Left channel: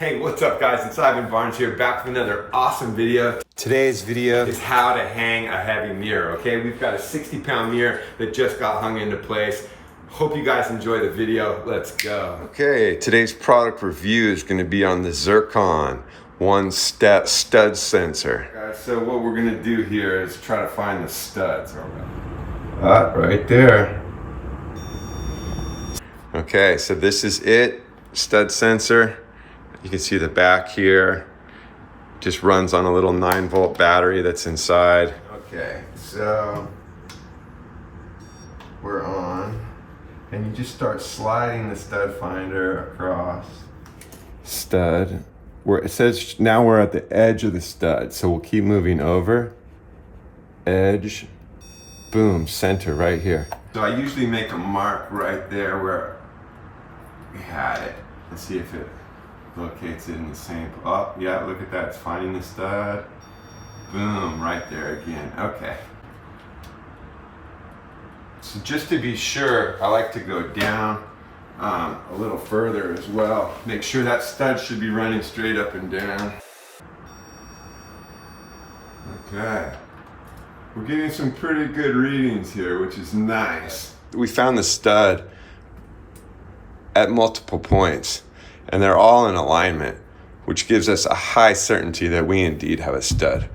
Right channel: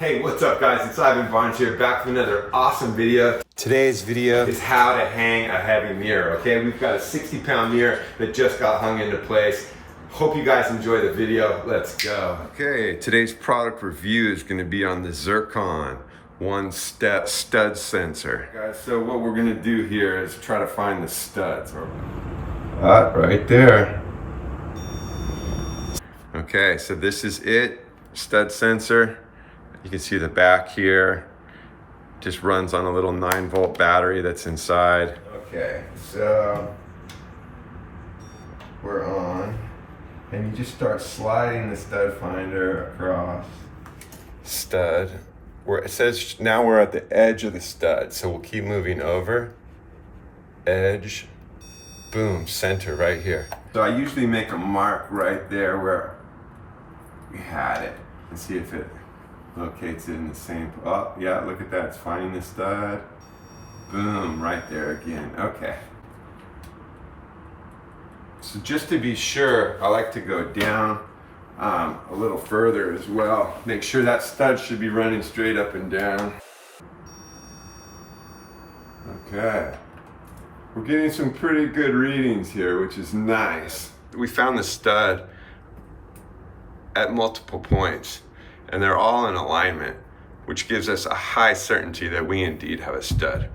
Hey, what's up guys? It's Ivan Barnes here, back with another awesome video. Today's video is how to hang a heavy mirror, okay? We've got a 60-pound mirror that just got hung into place. Hope you guys enjoy the video. Let's go. Okay, today's product review is gonna be on the Zircon stud sensor. Guys, so what we're gonna do here is try to find the studs. Right there. Okay, so this is it, stud sensor. You can see the back here. Just runs on a little 9-volt battery that's inside. Okay, so we're on, and you just start sliding the stud finder across. Stud, where it says now we're at the edge of the stud, so we'll keep moving over. Edge, boom, center right here. So I usually make a mark right there where we had it and see if it locates it in the same, oh yeah, look at that, it's finding the stud. Boom, right there again. Okay. So just to be sure, I like to go down a little further as well. Make sure that stud should be running straight up and down. Okay. We're getting some pretty good readings here, which is nice. We found the stud at multiple points, and they're all in alignment, which gives us a high certainty that we indeed have a stud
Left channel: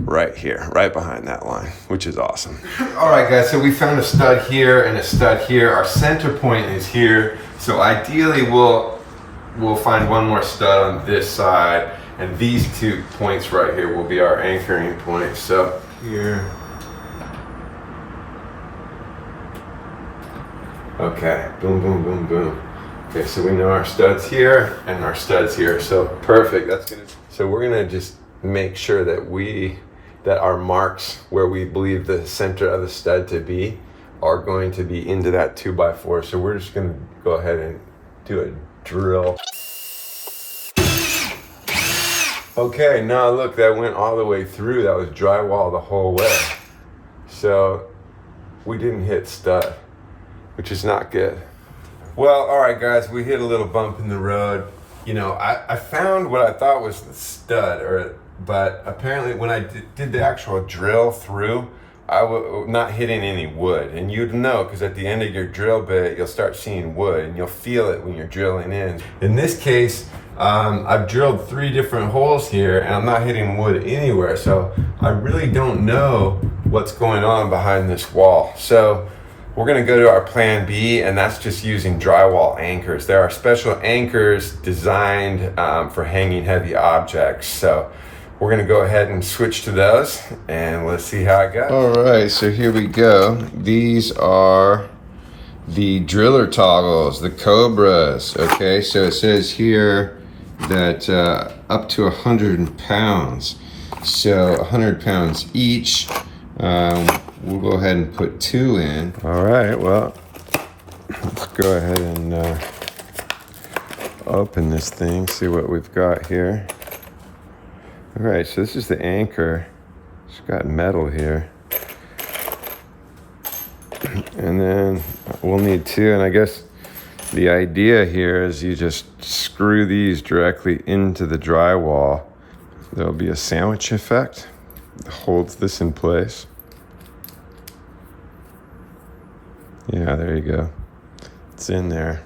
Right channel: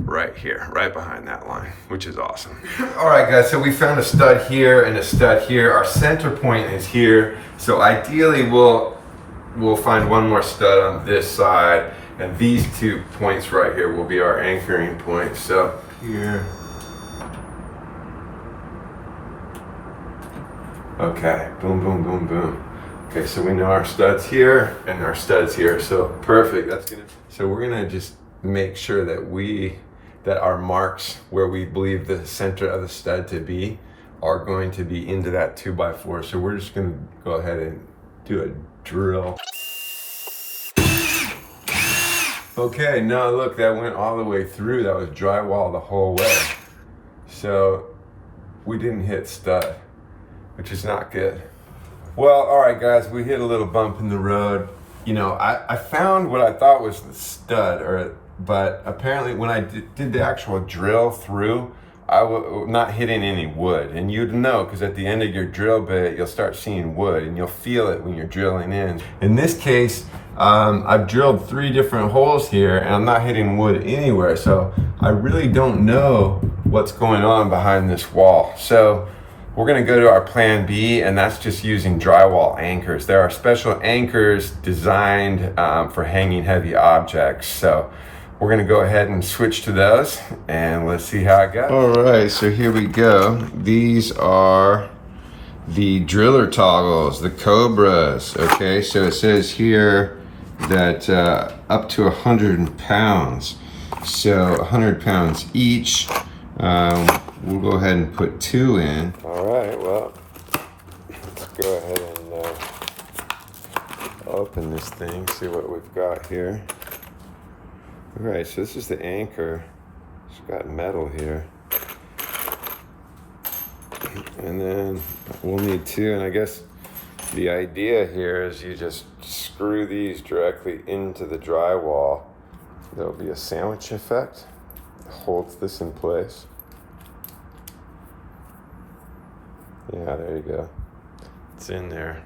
right here, right behind that line, which is awesome. All right guys, so we found a stud here and a stud here. Our center point is here, so ideally we'll find one more stud on this side, and these 2 points right here will be our anchoring points. So here. Okay, boom, boom, boom, boom. Okay, so we know our studs here and our studs here, so perfect. So we're gonna just make sure that our marks where we believe the center of the stud to be are going to be into that 2x4. So we're just gonna go ahead and do a drill. Okay, now look, that went all the way through. That was drywall the whole way. So we didn't hit stud, which is not good. Well, all right guys, we hit a little bump in the road. You know, I found what I thought was the stud, but apparently when I did the actual drill through, I was not hitting any wood. And you'd know, because at the end of your drill bit, you'll start seeing wood, and you'll feel it when you're drilling in. In this case, I've drilled 3 different holes here, and I'm not hitting wood anywhere, so I really don't know what's going on behind this wall. So we're gonna go to our plan B, and that's just using drywall anchors. There are special anchors designed for hanging heavy objects. So we're gonna go ahead and switch to those, and let's see how it goes. All right, so here we go. These are the driller toggles, the Cobras. Okay, so it says here that up to 100 pounds. So 100 pounds each. We'll go ahead and put 2 in. All right, well, let's go ahead and open this thing, see what we've got here. All right, so this is the anchor. It's got metal here. And then we'll need 2, and I guess the idea here is you just screw these directly into the drywall. There'll be a sandwich effect that holds this in place. Yeah, there you go. It's in there.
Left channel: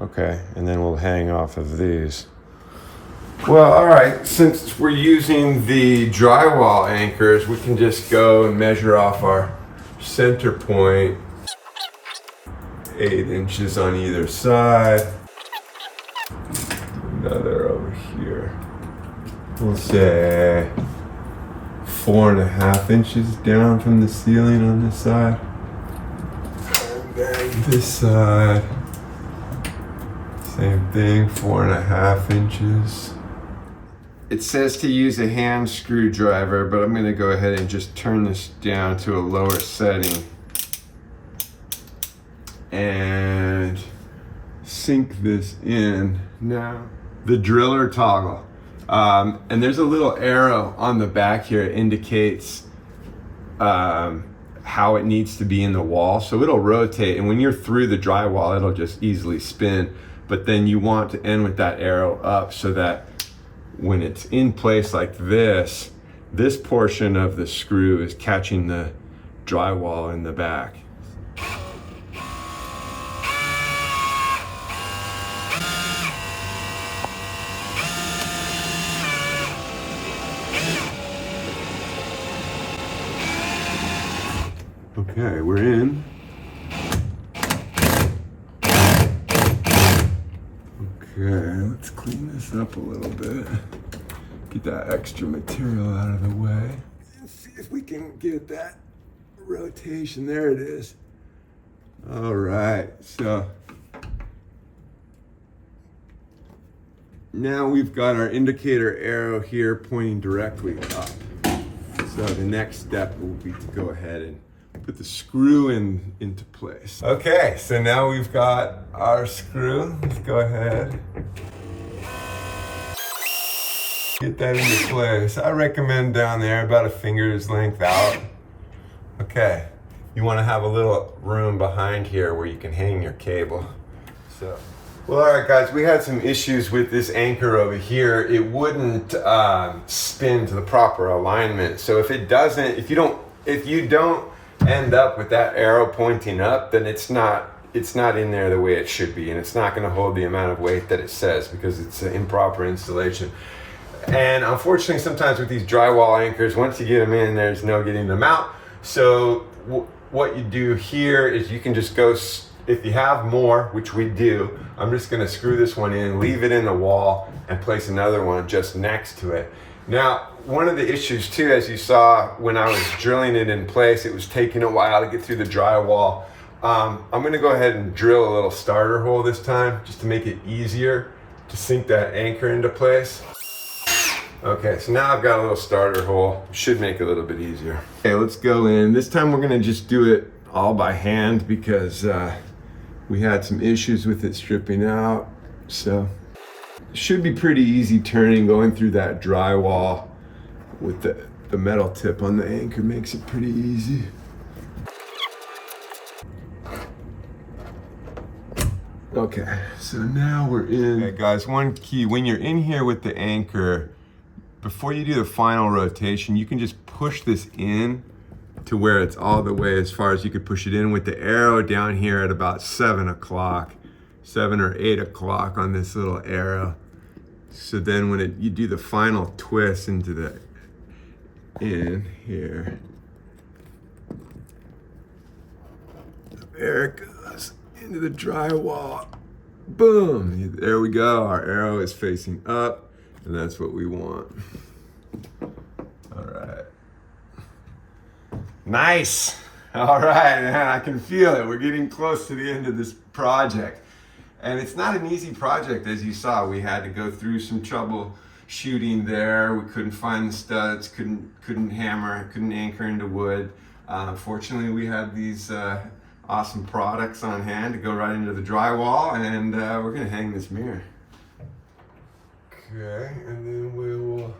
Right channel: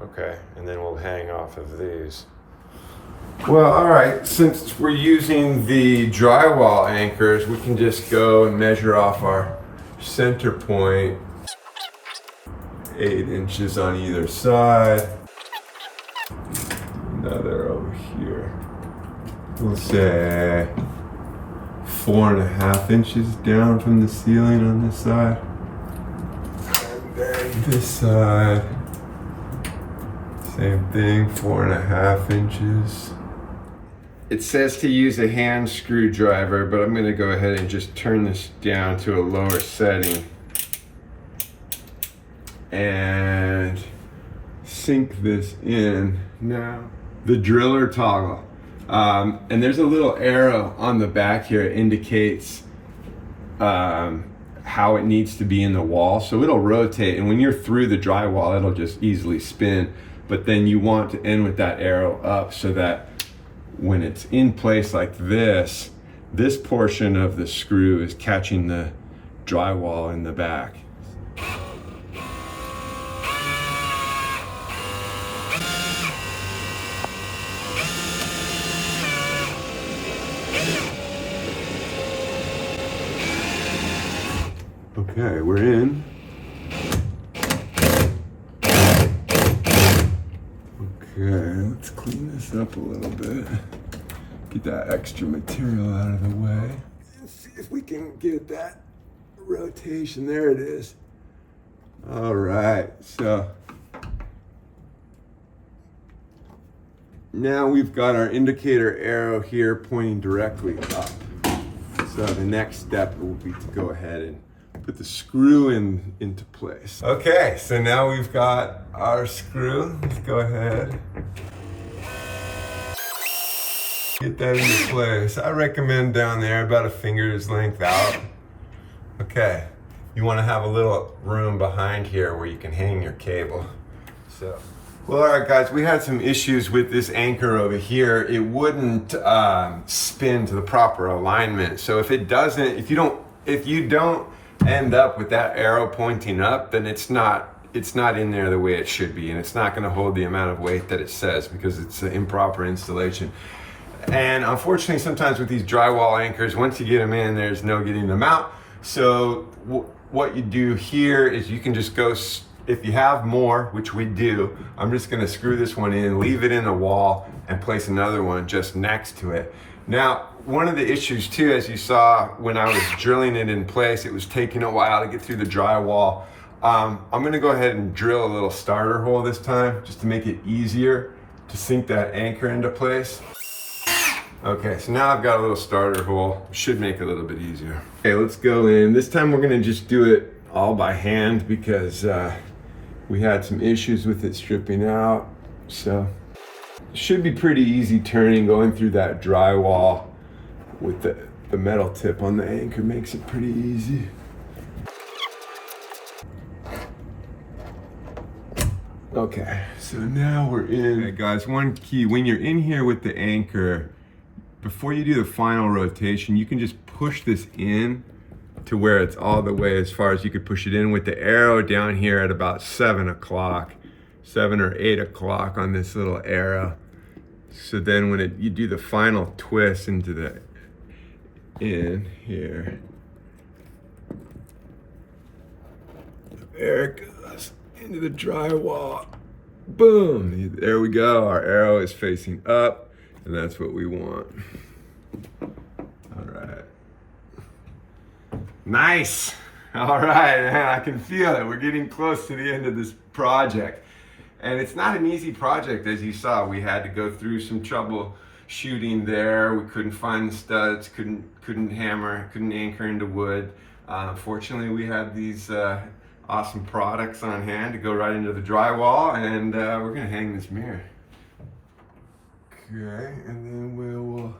Okay, and then we'll hang off of these. Well, all right, since we're using the drywall anchors, we can just go and measure off our center point. 8 inches on either side. Another over here. We'll say 4.5 inches down from the ceiling on this side. This side, same thing, 4.5 inches. It says to use a hand screwdriver, but I'm going to go ahead and just turn this down to a lower setting and sink this in. Now, the driller toggle, and there's a little arrow on the back here that indicates how it needs to be in the wall. So it'll rotate, and when you're through the drywall, it'll just easily spin. but then you want to end with that arrow up so that when it's in place like this, this portion of the screw is catching the drywall in the back. Okay, we're in. Okay, let's clean this up a little bit. Get that extra material out of the way. And see if we can get that rotation. There it is. All right, so now we've got our indicator arrow here pointing directly up. So the next step will be to go ahead and put the screw into place. Okay, so now we've got our screw. Let's go ahead. Get that into place. I recommend down there about a finger's length out. Okay, you want to have a little room behind here where you can hang your cable. So, well, all right, guys, we had some issues with this anchor over here. It wouldn't spin to the proper alignment. So if it doesn't, if you don't end up with that arrow pointing up, then it's not in there the way it should be, and it's not going to hold the amount of weight that it says because it's an improper installation. And unfortunately, sometimes with these drywall anchors, once you get them in, there's no getting them out. So what you do here is you can just go, if you have more, which we do, I'm just going to screw this one in, leave it in the wall, and place another one just next to it. Now, one of the issues too, as you saw when I was drilling it in place, it was taking a while to get through the drywall. I'm gonna go ahead and drill a little starter hole this time, just to make it easier to sink that anchor into place. Okay, so now I've got a little starter hole. Should make it a little bit easier. Okay, let's go in. This time we're gonna just do it all by hand because we had some issues with it stripping out. So it should be pretty easy turning, going through that drywall with the metal tip on the anchor makes it pretty easy. Okay, so now we're in. Okay, guys, one key, when you're in here with the anchor, before you do the final rotation, you can just push this in to where it's all the way as far as you could push it in with the arrow down here at about 7 o'clock, 7 or 8 o'clock on this little arrow. So then when you do the final twist into the in here, there it goes into the drywall. Boom, there we go. Our arrow is facing up, and that's what we want. All right. Nice. All right, I can feel it. We're getting close to the end of this project. And it's not an easy project, as you saw. We had to go through some trouble shooting there. We couldn't find the studs, couldn't hammer, couldn't anchor into wood. Fortunately, we had these awesome products on hand to go right into the drywall, and we're gonna hang this mirror. Okay, and then we will.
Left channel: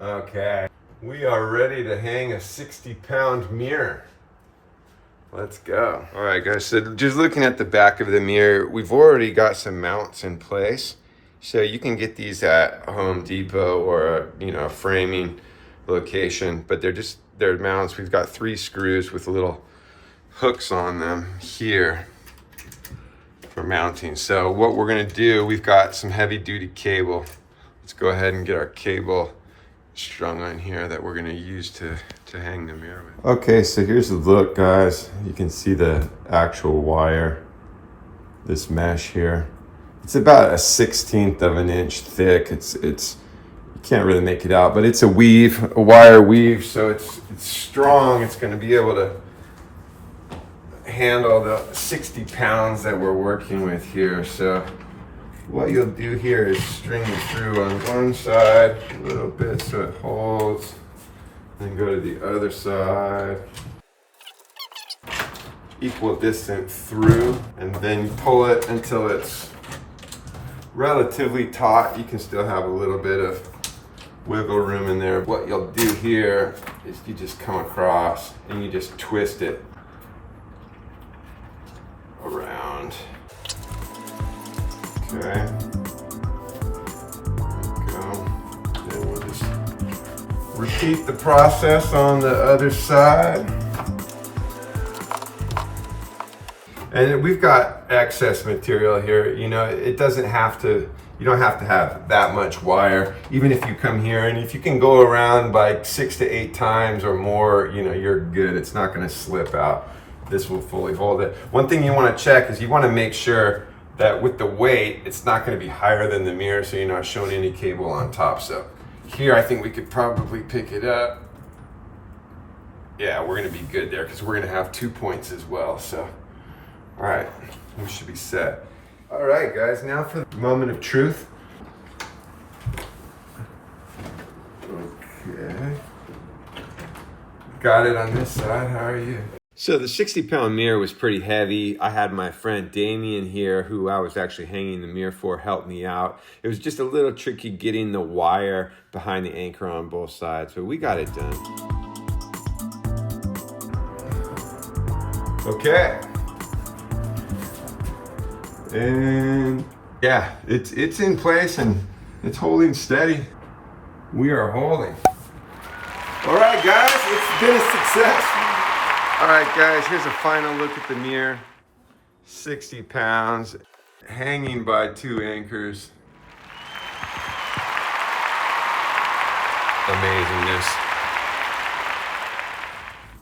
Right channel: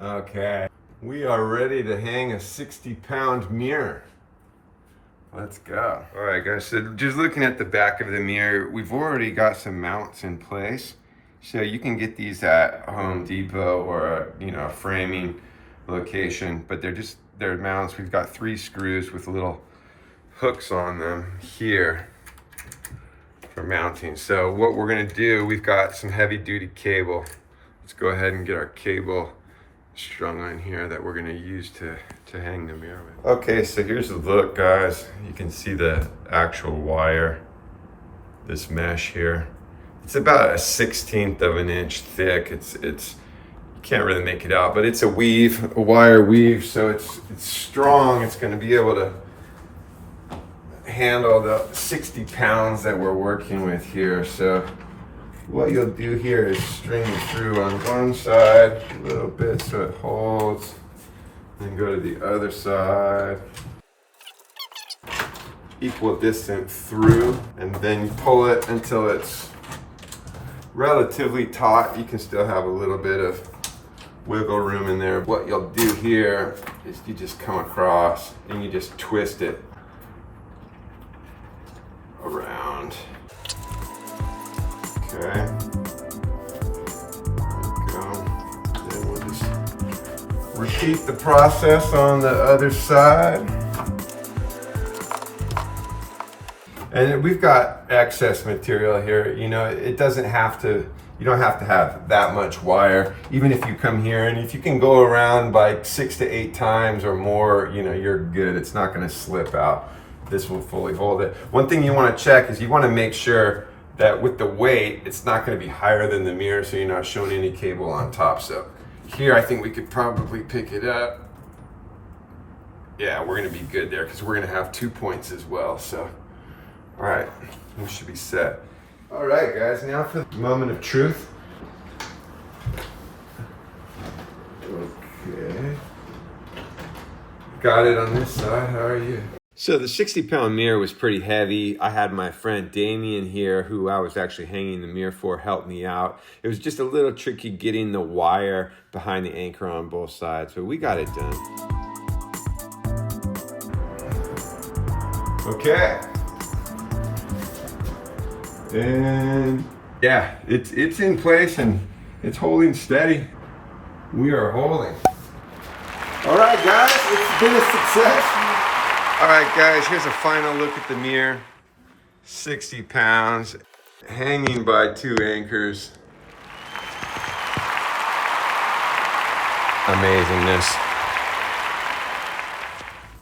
Okay, we are ready to hang a 60-pound mirror. Let's go. All right, guys, so just looking at the back of the mirror, we've already got some mounts in place. So you can get these at Home Depot or a framing location, but they're mounts. We've got 3 screws with little hooks on them here for mounting. So what we're gonna do, we've got some heavy duty cable. Let's go ahead and get our cable strung on here that we're gonna use to hang the mirror with. Okay, so here's the look, guys. You can see the actual wire, this mesh here. It's about a 1/16 of an inch thick. It's you can't really make it out, but it's a wire weave, so it's strong. It's gonna be able to handle the 60 pounds that we're working with here. So what you'll do here is string it through on one side a little bit so it holds, then go to the other side, equal distance through, and then you pull it until it's relatively taut. You can still have a little bit of wiggle room in there. What you'll do here is you just come across and you just twist it around. Okay. There we go. Then we'll just repeat the process on the other side. And we've got excess material here. You know, it doesn't have to, you don't have to have that much wire. Even if you come here and if you can go around like 6 to 8 times or more, you know, you're good. It's not gonna slip out. This will fully hold it. One thing you wanna check is you wanna make sure that with the weight, it's not gonna be higher than the mirror, so you're not showing any cable on top. So here, I think we could probably pick it up. Yeah, we're gonna be good there because we're gonna have 2 points as well. So, all right, we should be set. All right, guys, now for the moment of truth. Okay. Got it on this side, how are you? So the 60-pound mirror was pretty heavy. I had my friend Damien here, who I was actually hanging the mirror for, help me out. It was just a little tricky getting the wire behind the anchor on both sides, but we got it done. Okay. And yeah, it's in place and it's holding steady. We are holding. All right, guys, it's been a success. All right, guys, here's a final look at the mirror. 60 pounds, hanging by 2 anchors. Amazingness.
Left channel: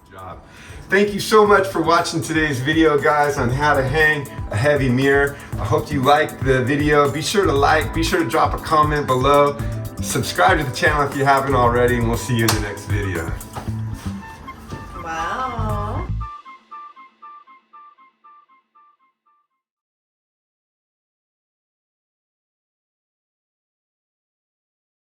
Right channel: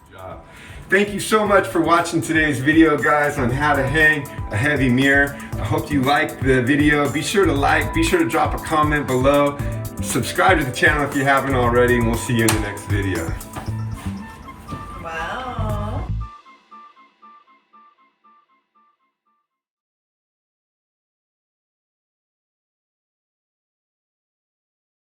Good job. Thank you so much for watching today's video, guys, on how to hang a heavy mirror. I hope you liked the video. Be sure to like, be sure to drop a comment below. Subscribe to the channel if you haven't already, and we'll see you in the next video.